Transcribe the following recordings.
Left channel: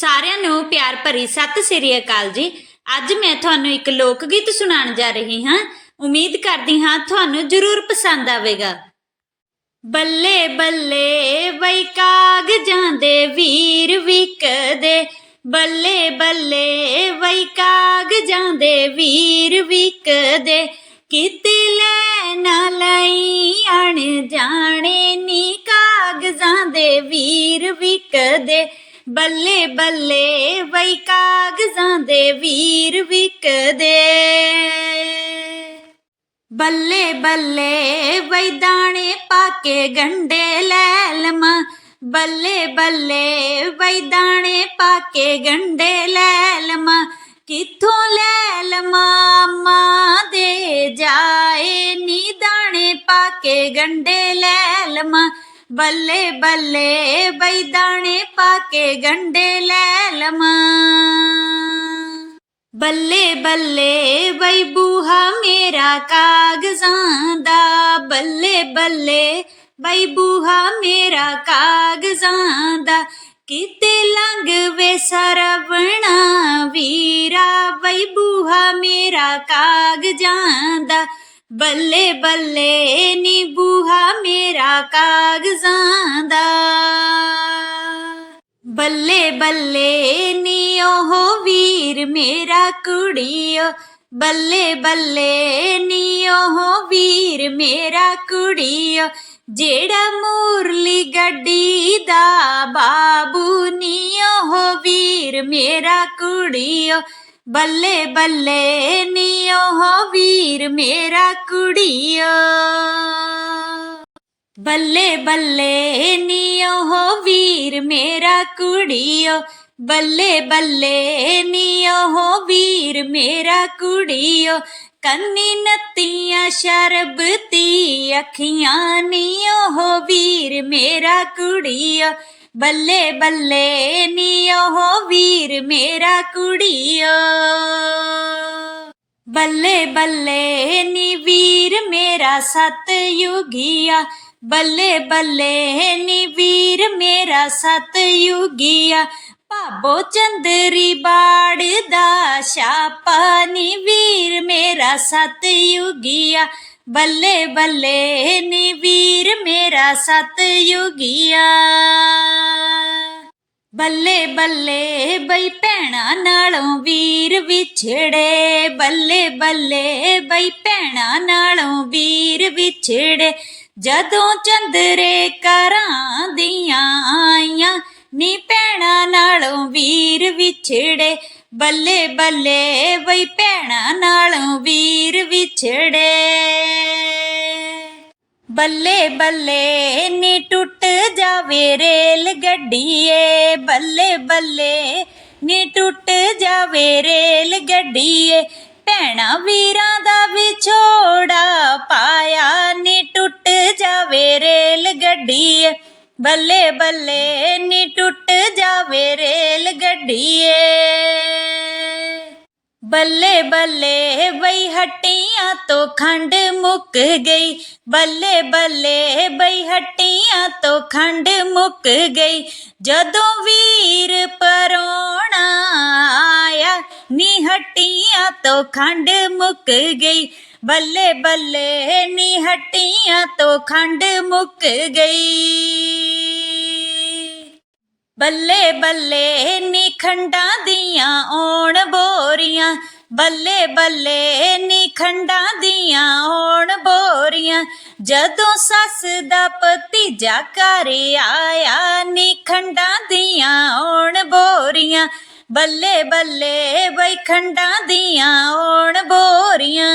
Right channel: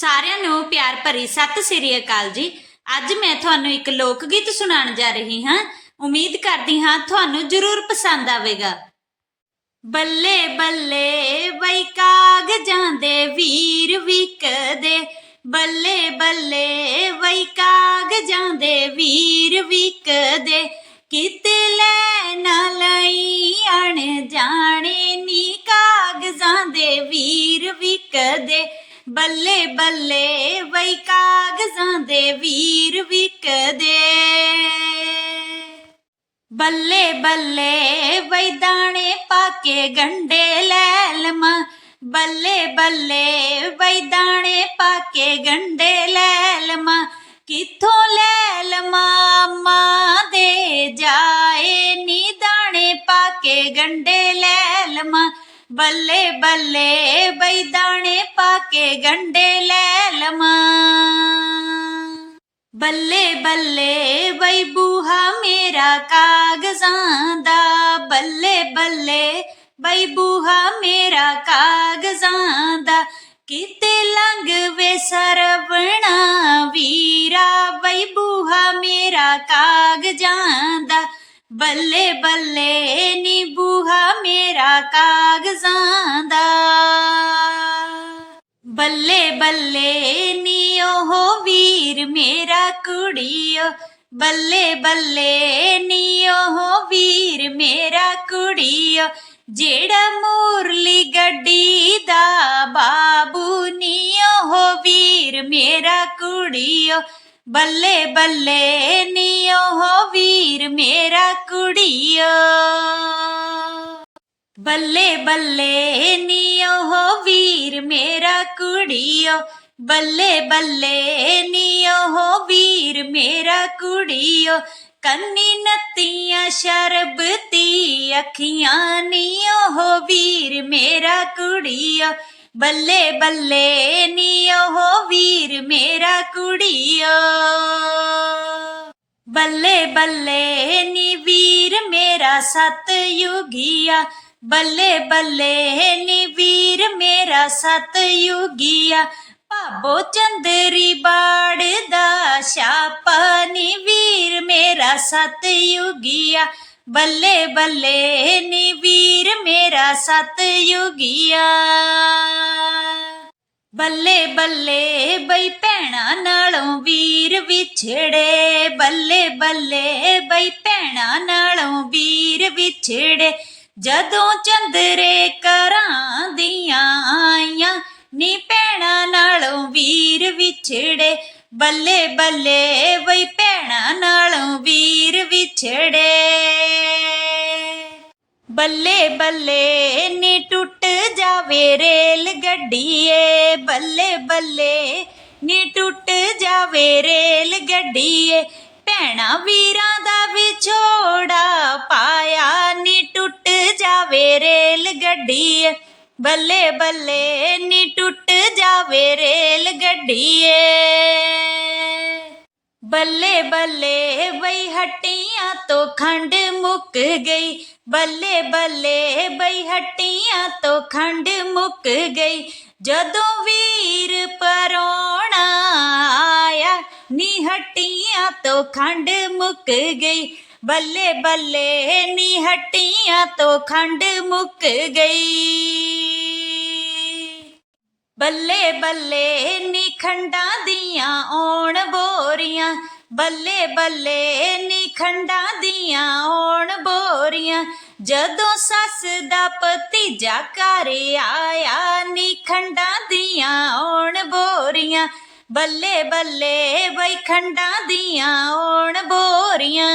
ਸਾਰਿਆਂ ਨੂੰ ਪਿਆਰ ਭਰੀ ਸਤਿ ਸ੍ਰੀ ਅਕਾਲ ਜੀ। ਅੱਜ ਮੈਂ ਤੁਹਾਨੂੰ ਇੱਕ ਲੋਕ ਗੀਤ ਸੁਣਾਉਣ ਜਾ ਰਹੀ ਹਾਂ। ਉਮੀਦ ਕਰਦੀ ਹਾਂ ਤੁਹਾਨੂੰ ਜ਼ਰੂਰ ਪਸੰਦ ਆਵੇਗਾ। ਬੱਲੇ ਬੱਲੇ ਬਈ ਕਾਗਜ਼ਾਂ ਦੇ ਵੀਰ ਵਿਕਦੇ। ਬੱਲੇ ਬੱਲੇ ਬਈ ਕਾਗਜ਼ਾਂ ਦੇ ਵੀਰ ਵਿਕਦੇ। ਕਿਤੇ ਲੈ ਨਾ ਲਈ ਅਣ ਜਾਣੇ ਬੱਲੇ ਬੱਲੇ ਬਈ ਕਾਗਜ਼ਾਂ ਦੇ ਵੀਰ ਵਿਕਦੇ। ਬੱਲੇ ਬੱਲੇ ਬਈ ਦਾਣੇ ਪਾ ਕੇ ਗੰਡੇ ਲੈ ਲਵਾਂ। ਬੱਲੇ ਬੱਲੇ ਬਈ ਦਾਣੇ ਪਾ ਕੇ ਗੰਡੇ ਲੈ ਲਵਾਂ। ਕਿੱਥੋਂ ਲੈ ਲਵਾਂ ਮਾਂ ਦੇ ਜਾਏ ਨੀ ਦਾਣੇ ਪਾ ਕੇ ਗੰਡੇ ਲੈ ਲਵਾਂ। ਬੱਲੇ ਬੱਲੇ ਬਈ ਦਾਣੇ ਪਾ ਕੇ ਗੰਡੇ ਲੈ ਲਵਾਂ। ਬੱਲੇ ਬੱਲੇ ਬਈ ਬੂਹਾ ਮੇਰਾ ਕਾਗਜ਼ਾਂ ਦਾ। ਬੱਲੇ ਬੱਲੇ ਬਈ ਬੂਹਾ ਮੇਰਾ ਕਾਗਜ਼ਾਂ ਦਾ। ਕਿਤੇ ਲੰਘ ਵੇ ਸਰਵਣਾ ਵੀਰਾ ਬਈ ਬੂਹਾ ਮੇਰਾ ਕਾਗਜ਼ਾਂ ਦਾ। ਬੱਲੇ ਬੱਲੇ ਨੀ ਬੂਹਾ ਮੇਰਾ ਕਾਗਜ਼ਾਂ ਦਾ। ਬੱਲੇ ਬੱਲੇ ਨੀ ਉਹ ਵੀਰ ਮੇਰਾ ਕੁੜੀਓ। ਬੱਲੇ ਬੱਲੇ ਨੀ ਉਹ ਵੀਰ ਮੇਰਾ ਕੁੜੀਓ। ਜਿਹੜਾ ਮੂਰਲੀ ਗੱਡੀ ਦਾ ਬਾਬੂ ਨੀ ਉਹ ਵੀਰ ਮੇਰਾ ਕੁੜੀਓ। ਬੱਲੇ ਬੱਲੇ ਨੀ ਉਹ ਵੀਰ ਮੇਰਾ ਕੁੜੀਓ। ਬੱਲੇ ਬੱਲੇ ਨੀ ਉਹ ਵੀਰ ਮੇਰਾ ਕੁੜੀਓ। ਬੱਲੇ ਬੱਲੇ ਨੀ ਉਹ ਵੀਰ ਮੇਰਾ ਕੁੜੀਓ। ਕੰਨੀ ਨੱਤੀਆਂ ਸ਼ਰਬਤੀ ਅੱਖੀਆਂ ਨੀ ਉਹ ਵੀਰ ਮੇਰਾ ਕੁੜੀਓ। ਬੱਲੇ ਬੱਲੇ ਨੀ ਉਹ ਵੀਰ ਮੇਰਾ ਕੁੜੀਓ। ਬੱਲੇ ਬੱਲੇ ਨੀ ਵੀਰ ਮੇਰਾ ਸਤ ਯੁਗੀਆ ਬੱਲੇ ਬੱਲੇ ਨੀ ਵੀਰ ਮੇਰਾ ਸਤ ਯੁਗੀਆ ਭਾਬੋ ਚੰਦਰੀ ਬਾੜ ਦਾ ਛਾਪਾ ਨੀ ਵੀਰ ਮੇਰਾ ਸਤ ਯੁਗੀਆ ਬੱਲੇ ਬੱਲੇ ਨੀ ਵੀਰ ਮੇਰਾ ਸਤ ਯੁਗੀਆ ਬੱਲੇ ਬੱਲੇ ਬਈ ਭੈਣਾ ਨਾਲੋਂ ਵੀਰ ਵਿਛੜੇ। ਬੱਲੇ ਬੱਲੇ ਬਈ ਭੈਣਾ ਨਾਲੋਂ ਵੀਰ ਵਿਛੜੇ। ਜਦੋਂ ਚੰਦਰੇ ਕਰਾਂ ਦੀਆਂ ਆਈਆਂ, ਨੀ ਭੈਣਾ ਨਾਲੋਂ ਵੀਰ ਵਿਛੜੇ। ਬੱਲੇ ਬੱਲੇ ਬਈ ਭੈਣਾ ਨਾਲੋਂ ਵੀਰ ਵਿਛੜੇ। ਬੱਲੇ ਬੱਲੇ ਨੀ ਟੁੱਟ ਜਾਵੇ ਰੇਲ ਗੱਡੀਏ। ਬੱਲੇ ਬੱਲੇ ਨੀ ਟੁੱਟ ਜਾਵੇ ਰੇਲ ਗੱਡੀਏ। ਭੈਣਾ ਵੀਰਾਂ ਦਾ ਵਿਛੋੜਾ ਪਾਇਆ ਨੀ ਟੁੱਟ ਜਾਵੇ ਰੇਲ ਗੱਡੀਏ। ਬੱਲੇ ਬੱਲੇ ਨੀ ਟੁੱਟ ਜਾਵੇ ਰੇਲ ਗੱਡੀਏ। ਬੱਲੇ ਬੱਲੇ ਬਈ ਹੱਟੀਆਂ ਤੋਂ ਖੰਡ ਮੁੱਕ ਗਈ। ਬੱਲੇ ਬੱਲੇ ਬਈ ਹੱਟੀਆਂ ਤੋਂ ਖੰਡ ਮੁੱਕ ਗਈ। ਜਦੋਂ ਵੀਰ ਪਰੋਣਾ ਆਇਆ, ਨੀ ਹੱਟੀਆਂ ਤੋਂ ਖੰਡ ਮੁੱਕ ਗਈ। ਬੱਲੇ ਬੱਲੇ ਨੀ ਹੱਟੀਆਂ ਤੋਂ ਖੰਡ ਮੁੱਕ ਗਈ। ਬੱਲੇ ਬੱਲੇ ਨੀ ਖੰਡਾਂ ਦੀਆਂ ਆਉਣ ਬੋਰੀਆਂ। ਬੱਲੇ ਬੱਲੇ ਨੀ ਖੰਡਾਂ ਦੀਆਂ ਆਉਣ ਬੋਰੀਆਂ। ਜਦੋਂ ਸੱਸ ਦਾ ਭਤੀਜਾ ਘਰ ਆਇਆ, ਨੀ ਖੰਡਾਂ ਦੀਆਂ ਆਉਣ ਬੋਰੀਆਂ। ਬੱਲੇ ਬੱਲੇ ਬਈ ਖੰਡਾਂ ਦੀਆਂ ਆਉਣ ਬੋਰੀਆਂ।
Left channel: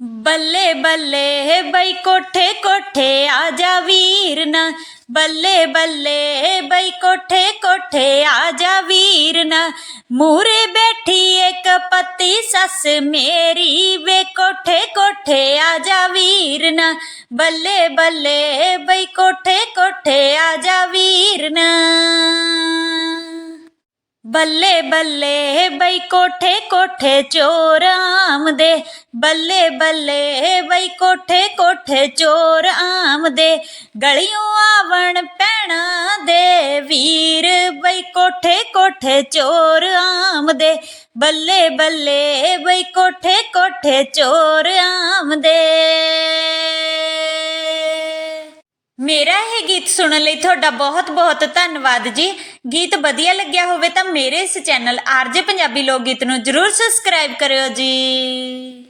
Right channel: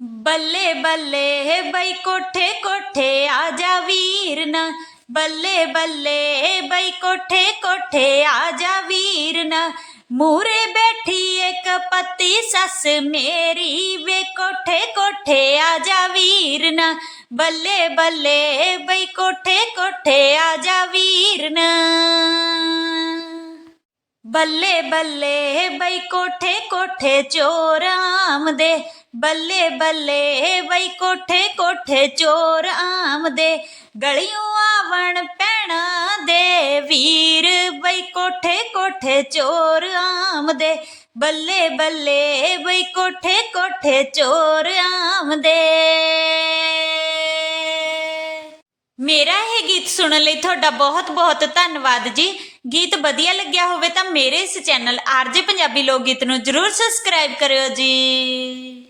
ਬੱਲੇ ਬੱਲੇ ਬਈ ਕੋਠੇ ਕੋਠੇ ਆ ਜਾ ਵੀਰ ਨਾ ਬੱਲੇ ਬੱਲੇ ਬਈ ਕੋਠੇ ਕੋਠੇ ਆ ਜਾ ਵੀਰ ਨਾ ਮੂਰੇ ਬੈਠੀ ਇੱਕ ਪੱਤੀ ਸੱਸ ਮੇਰੀ ਵੇ ਕੋਠੇ ਕੋਠੇ ਆ ਜਾ ਵੀਰ ਨਾ ਬੱਲੇ ਬੱਲੇ ਬਈ ਕੋਠੇ ਕੋਠੇ ਆ ਜਾ ਵੀਰ ਨਾ ਬੱਲੇ ਬੱਲੇ ਬਈ ਕੋਠੇ ਕੋਠੇ ਚੋਰ ਆਮਦੇ। ਬੱਲੇ ਬੱਲੇ ਬਈ ਕੋਠੇ ਕੋਠੇ ਚੋਰ ਆਮਦੇ। ਗਲੀਆਂ ਆਵਣ ਪੈਣਾ ਦੇ ਵੀਰ ਬਈ ਕੋਠੇ ਕੋਠੇ ਚੋਰ ਆਮਦੇ। ਬੱਲੇ ਬੱਲੇ ਬਈ ਕੋਠੇ ਕੋਠੇ ਚੋਰ ਆਮਦੇ। ਮੇਰਾ ਇਹ ਗੀਤ ਸੁਣਨ ਲਈ ਤੁਹਾਡਾ ਬਹੁਤ ਬਹੁਤ ਧੰਨਵਾਦ ਜੀ। ਗੀਤ ਵਧੀਆ ਲੱਗਿਆ ਹੋਵੇ ਤਾਂ ਮੇਰੇ ਇਸ ਚੈਨਲ ਆਰਜੇ ਪੰਜਾਬੀ ਲੋਕ ਗੀਤ ਨੂੰ ਜਰੂਰ ਸਬਸਕ੍ਰਾਈਬ ਕਰਿਓ ਜੀ।